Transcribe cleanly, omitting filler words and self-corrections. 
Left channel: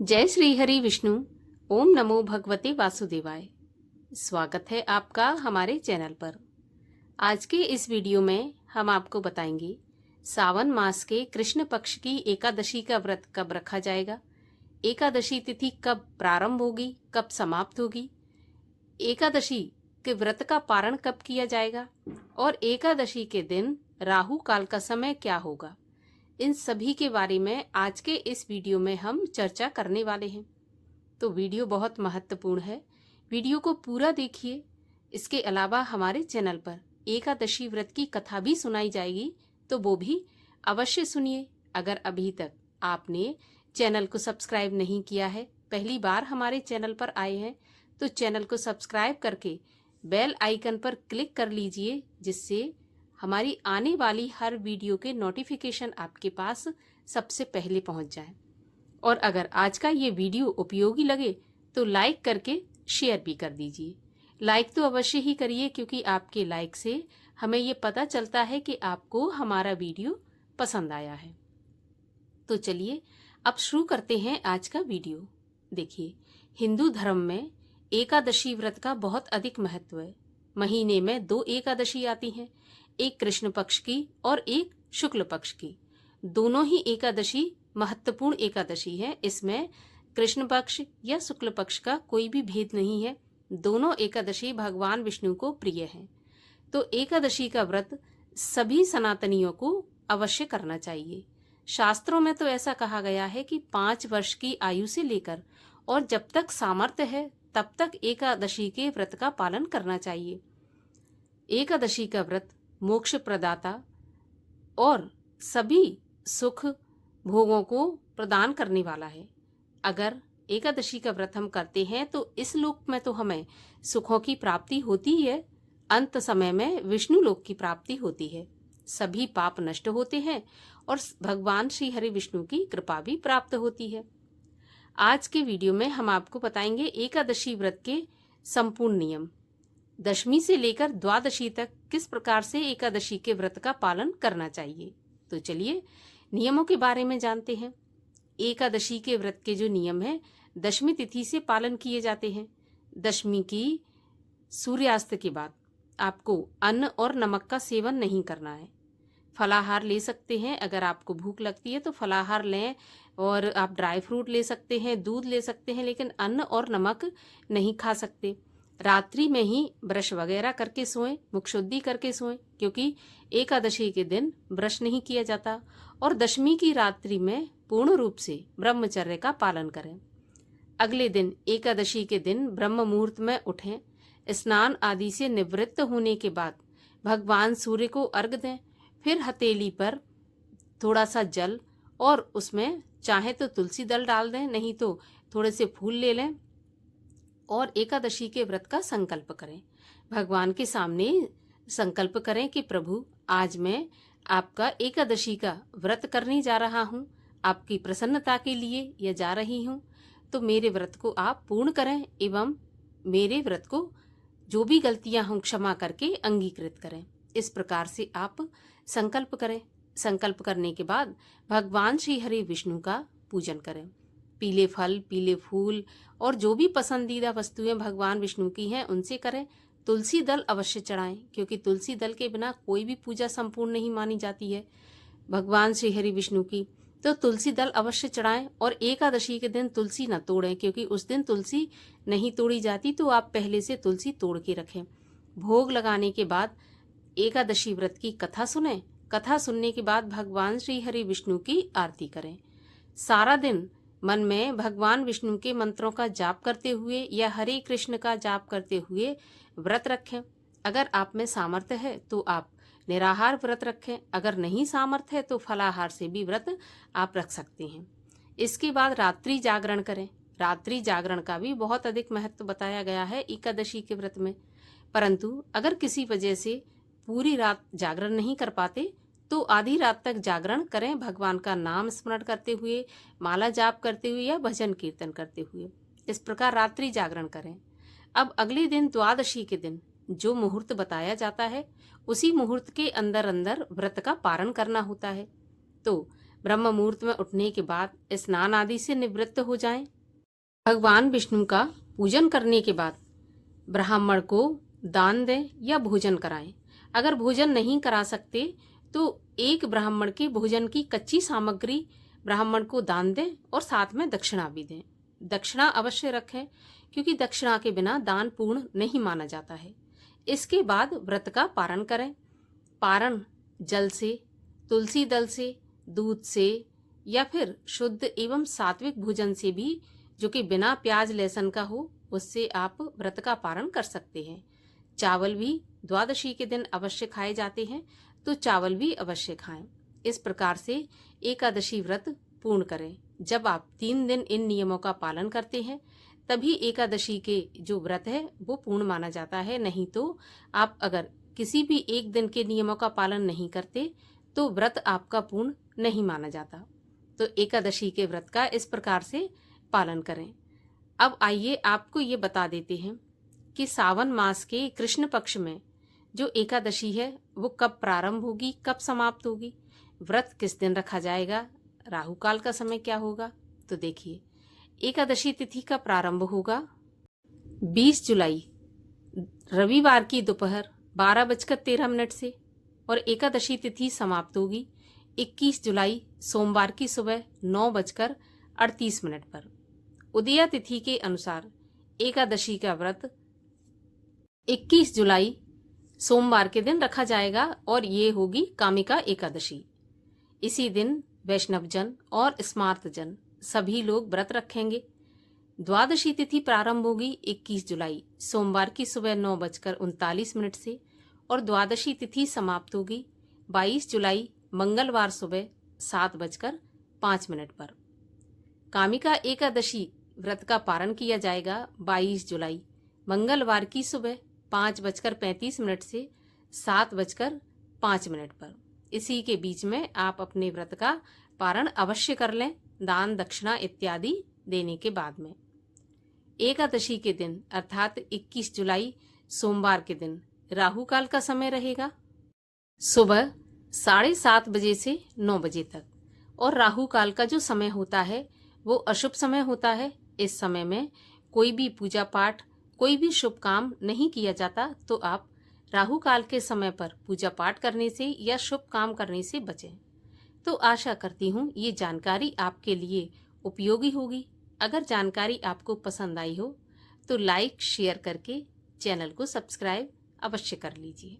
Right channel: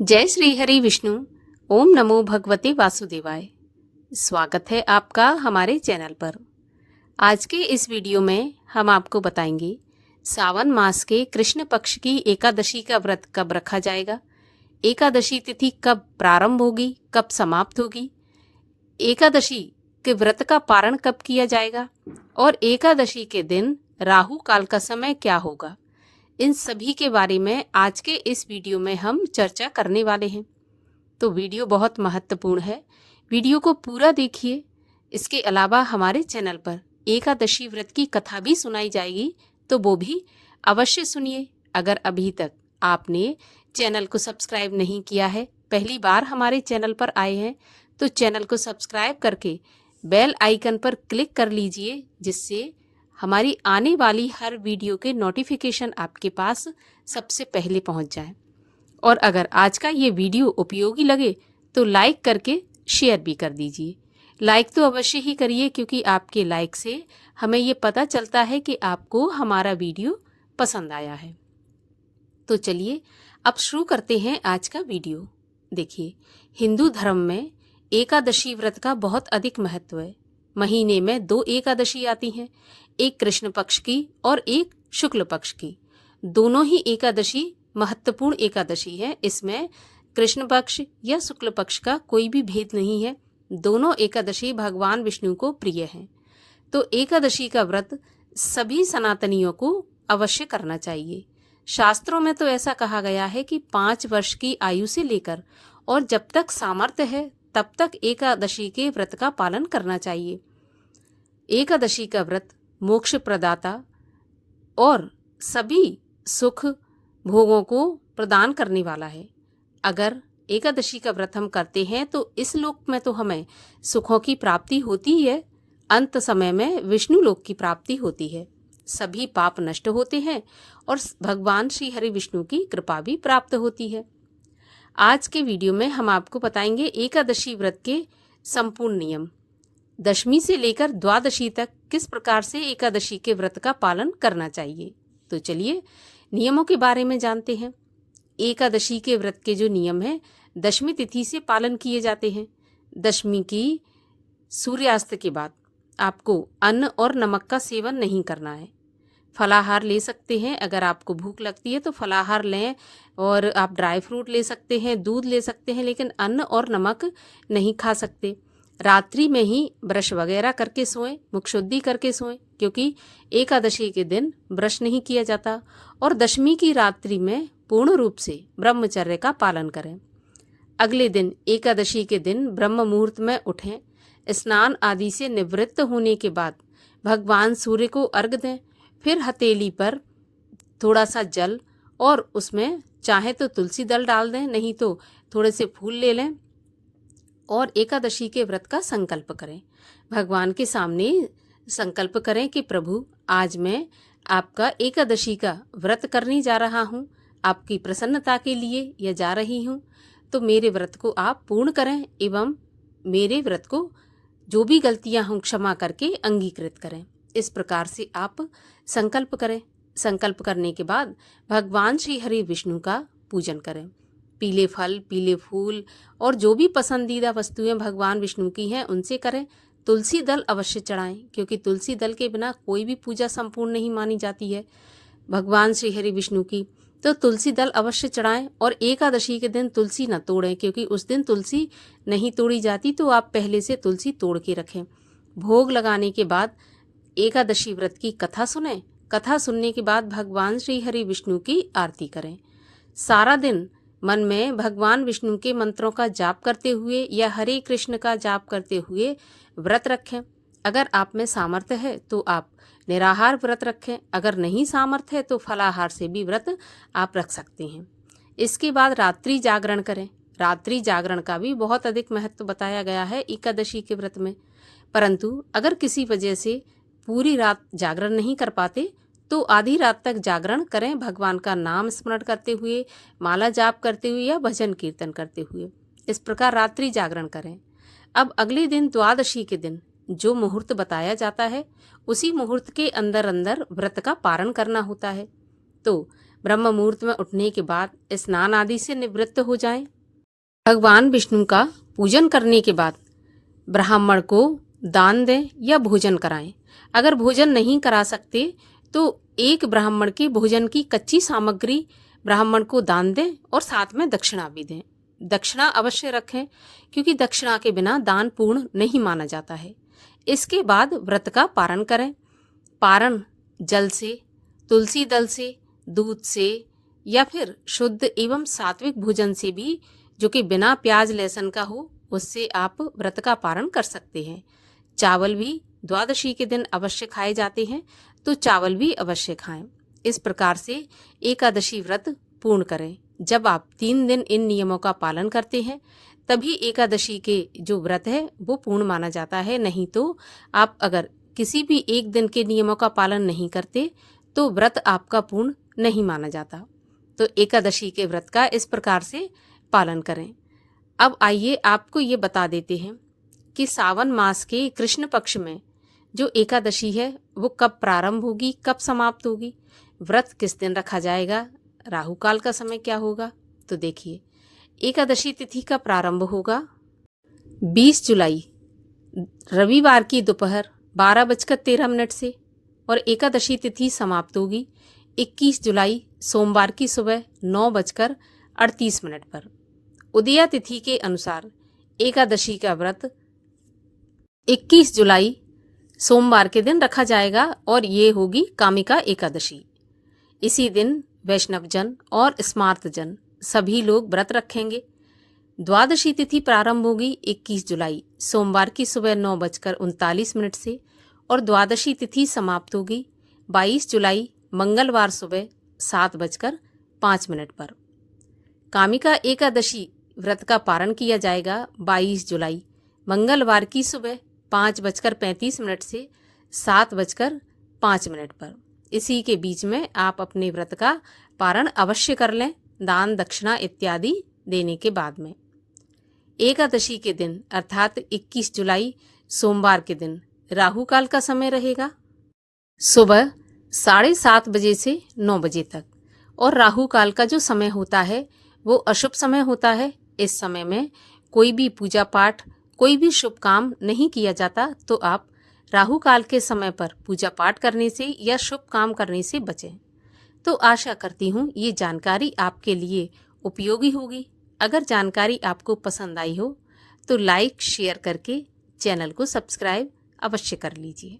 जय श्री हरि विष्णु। ओम नमो भगवते वासुदेवाय। स्वागत है आपका हमारे चैनल पर। आज के इस वीडियो में हम आपको बताएंगे सावन मास के कृष्ण पक्ष की एकादशी का व्रत कब रखा जाएगा, एकादशी तिथि कब प्रारंभ होगी, कब समाप्त होगी, एकादशी के व्रत का पारण कब किया जाएगा और एकादशी के दिन राहु काल का समय क्या होगा। इन सभी के बारे में आज के इस वीडियो में हम चर्चा करने वाले हैं। तो वीडियो बहुत महत्वपूर्ण है, वीडियो को पूरा देखिए। इसके अलावा हमारे चैनल पर एकादशी व्रत की कथा भी सुनाई जाएगी, तो वो भी अवश्य सुनिए। अगर अभी तक आपने चैनल को सब्सक्राइब नहीं किया है, पहली बार हमारे चैनल पर आए हैं, तो चैनल को सब्सक्राइब करके बेल आइकन पर क्लिक कर लीजिए, जिससे हमारी आने वाली हर वीडियो के नोटिफिकेशन आपके पास सबसे पहले पहुंच जाए। और अगर आज का ये वीडियो उपयोगी लगे तो लाइक करके शेयर भी कर दीजिए। लाइक तो अवश्य ही करिए, क्योंकि आपके लाइक से हमें ये पता चलता है कि आपको हमारा वीडियो पसंद आया है। तो चलिए अब शुरू करते हैं आज का वीडियो। देखिए, हिंदू धर्म में एकादशी व्रत का बहुत अधिक महत्व है। महीने में 2 एकादशी आती हैं, एक कृष्ण पक्ष की और एक शुक्ल पक्ष की। दोनों ही एकादशी महत्वपूर्ण एकादशी है। इसमें कृष्ण पक्ष या शुक्ल पक्ष का कोई भी भेद नहीं है। दोनों एकादशी भगवान विष्णु को प्रिय हैं। तो एकादशी का व्रत सभी सनातनियों को अवश्य करना चाहिए। शास्त्रों में तो ऐसा कहा गया है कि 5 वर्ष की आयु से लेकर और जब तक सामर्थ्य है तब तक एकादशी के व्रत का पालन करना चाहिए। एकादशी का व्रत मोक्ष प्रदाता और सभी सुख भोगों को प्रदान करने वाला है। अगर एकादशी का व्रत हम करते हैं तो इस लोक में तो हमें सुखों की प्राप्ति होती है, अंत समय में विष्णु लोक की प्राप्ति होती है। सभी पाप नष्ट होते हैं और भगवान श्री हरि विष्णु की कृपा भी प्राप्त होती है। आज के वीडियो में हम आपको बताएंगे एकादशी व्रत के संपूर्ण नियम। दशमी से लेकर द्वादशी तक किस प्रकार से एकादशी के व्रत का पालन करना चाहिए। तो चलिए नियमों के बारे में जानते हैं। एकादशी के व्रत के जो नियम हैं, दशमी तिथि से पालन किए जाते हैं। दशमी की सूर्यास्त के बाद आपको अन्न और नमक का सेवन नहीं करना है। फलाहार ले सकते हैं, अगर आपको भूख लगती है तो फलाहार लें, और आप ड्राई फ्रूट ले सकते हैं, दूध ले सकते हैं, लेकिन अन्न और नमक नहीं खा सकते। रात्रि में ही ब्रश वगैरह करके सोएं, मुख शुद्धि करके सोएं, क्योंकि एकादशी के दिन ब्रश नहीं किया जाता। और दशमी की रात्रि में पूर्ण रूप से ब्रह्मचर्य का पालन करें। अगले दिन एकादशी के दिन ब्रह्म मुहूर्त में उठें। स्नान आदि से निवृत्त होने के बाद भगवान सूर्य को अर्घ दें। फिर हथेली पर थोड़ा सा जल और उसमें चाहे तो तुलसी दल डाल दें, नहीं तो थोड़े से फूल ले लें और एकादशी के व्रत का संकल्प करें। भगवान के सामने संकल्प करें कि प्रभु, आज मैं आपका एकादशी का व्रत करने जा रहा हूँ, आपकी प्रसन्नता के लिए यह जा रही हूँ, तो मेरे व्रत को आप पूर्ण करें एवं मेरे व्रत को जो भी गलतियां हों क्षमा करके अंगीकृत करें। इस प्रकार से आप संकल्प करें। संकल्प करने के बाद भगवान श्री हरि विष्णु का पूजन करें। पीले फल, पीले फूल और जो भी पसंदीदा वस्तुएं भगवान विष्णु की हैं उनसे करें। तुलसी दल अवश्य चढ़ाएं, क्योंकि तुलसी दल के बिना कोई भी पूजा संपूर्ण नहीं मानी जाती है भगवान श्री हरि विष्णु की। तो तुलसी दल अवश्य चढ़ाएं और एकादशी के दिन तुलसी न तोड़ें, क्योंकि उस दिन तुलसी नहीं तोड़ी जाती, तो आप पहले से तुलसी तोड़ के रखें। भोग लगाने के बाद एकादशी व्रत की कथा सुनें। कथा सुनने के बाद भगवान श्री हरि विष्णु की आरती करें। सारा दिन मन में भगवान विष्णु के मंत्रों का जाप करते हुए या हरे कृष्ण का जाप करते हुए व्रत रखें। अगर आप में सामर्थ्य है तो आप निराहार व्रत रखें, अगर नहीं सामर्थ्य है तो फलाहार से भी व्रत आप रख सकते हैं। इसके बाद रात्रि जागरण करें। रात्रि जागरण का भी बहुत अधिक महत्व बताया गया है एकादशी के व्रत में। परंतु अगर किसी वजह से पूरी रात जागरण नहीं कर पाते तो आधी रात तक जागरण करें, भगवान का नाम स्मरण करते हुए, माला जाप करते हुए या भजन कीर्तन करते हुए। इस प्रकार रात्रि जागरण करें। अब अगले दिन द्वादशी के दिन जो मुहूर्त बताया जाता है, उसी मुहूर्त के अंदर अंदर व्रत का पारण करना होता है। तो ब्रह्म मुहूर्त में उठने के बाद स्नान आदि से निवृत्त हो जाएं। भगवान विष्णु का पूजन करने के बाद ब्राह्मण को दान दें या भोजन कराएं। अगर भोजन नहीं करा सकते तो एक ब्राह्मण के भोजन की कच्ची सामग्री ब्राह्मण को दान दें और साथ में दक्षिणा भी दें। दक्षिणा अवश्य रखें, क्योंकि दक्षिणा के बिना दान पूर्ण नहीं माना जाता है। इसके बाद व्रत का पारण करें। पारण जल से, तुलसी दल से, दूध से या फिर शुद्ध एवं सात्विक भोजन से भी, जो कि बिना प्याज लहसुन का हो, उससे आप व्रत का पारण कर सकते हैं। चावल भी द्वादशी के दिन अवश्य खाए जाते हैं, तो चावल भी अवश्य खाएं। इस प्रकार से एकादशी व्रत पूर्ण करें। जब आप 3 दिन इन नियमों का पालन करते हैं तभी एकादशी के जो व्रत है वो पूर्ण माना जाता है। नहीं तो आप अगर किसी भी एक दिन के नियमों का पालन नहीं करते तो व्रत आपका पूर्ण नहीं माना जाता। तो एकादशी के व्रत का इस प्रकार से पालन करें। अब आइए आपको ये बता देते हैं कि सावन मास के कृष्ण पक्ष में जो एकादशी है वो कब प्रारंभ होगी, कब समाप्त होगी, व्रत किस दिन रखा जाएगा, राहु काल का समय क्या होगा। तो देखिए, एकादशी तिथि का प्रारंभ होगा 20 जुलाई रविवार की दोपहर 12:13 से और एकादशी तिथि समाप्त होगी 21 जुलाई सोमवार की सुबह 9:38 पर। उदया तिथि के अनुसार एकादशी का व्रत 21 जुलाई सोमवार के दिन रखा जाएगा और ये होगी कामिका एकादशी। इसी दिन वैष्णवजन और स्मार्तजन सभी लोग व्रत रखेंगे। द्वादशी तिथि प्रारंभ होगी 21 जुलाई सोमवार की सुबह 9:39 से और द्वादशी तिथि समाप्त होगी 22 जुलाई मंगलवार सुबह 7:05 पर। कामिका एकादशी व्रत का पारण किया जाएगा 22 जुलाई मंगलवार की सुबह 5:35 से 7:05 पर। इसी के बीच में आप अपने व्रत का पारण अवश्य कर लें, दान दक्षिणा इत्यादि देने के बाद में। एकादशी के दिन अर्थात 21 जुलाई सोमवार के दिन राहु काल का समय रहेगा सुबह 7:30 बजे से 9 बजे तक, और राहु काल का जो समय होता है वो अशुभ समय होता है। इस समय में कोई भी पूजा पाठ, कोई भी शुभ काम नहीं किया जाता। तो आप राहु काल के समय पर पूजा पाठ करने से या शुभ काम करने से बचें। तो आशा करती हूँ ये जानकारी आपके लिए उपयोगी होगी। अगर जानकारी आपको पसंद आई हो तो लाइक शेयर करके चैनल को सब्सक्राइब अवश्य कर लीजिए।